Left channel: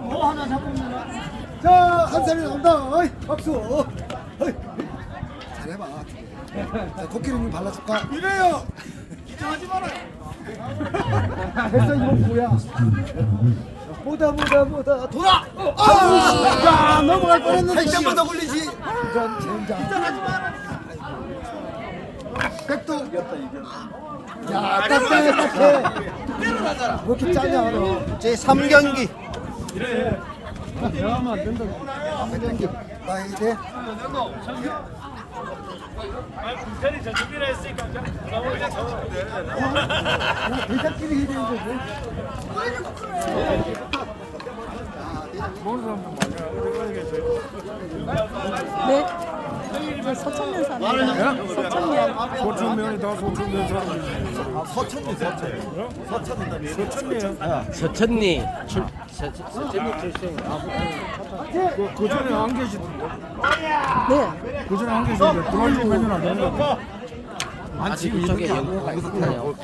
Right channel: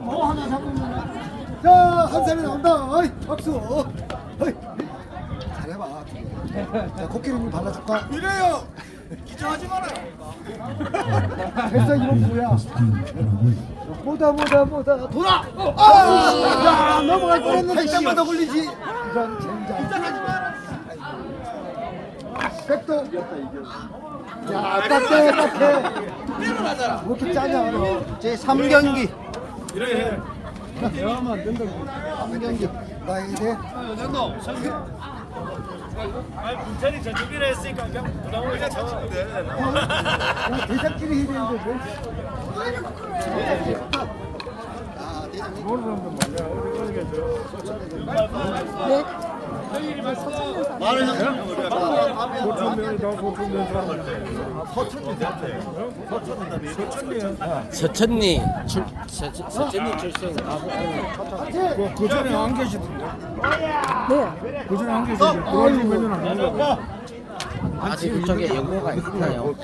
뭐 하나 잡으면. 자, 한 사람이 나온다. 어이, 박수. 어이. 잘해봐. 자, 코끼리님 발라줄까? 이래요. 긴장하지 말아요. 됐어, 이건 뭐야? 뭐다, 뭐다, 뭐다. 돌아! 아! 야, 넘어갈 뻔했는데. 살짝만 더 걸리지. 젠장. 긴장하지 마라. 백도. 야, 딱대, 딱대. 때려나잖아. 왜 이렇게 짜냐, 너. 제 3경기 대화하면 안 된다. 한경기. 나 이제. 군산이 저쪽이라 했으니까 좀 부담 오니까 저쪽으로 내야 되나? 야, 대작끼리 해주는 거지. 네. 저 서천면 사 서천리 출 서- 서- 서천리 출생 그 전에 안 계시던데? 네. 그 전에 안 계시던데? 그런 일은 안 했는데? 아직 그쪽에 연고가 있나요?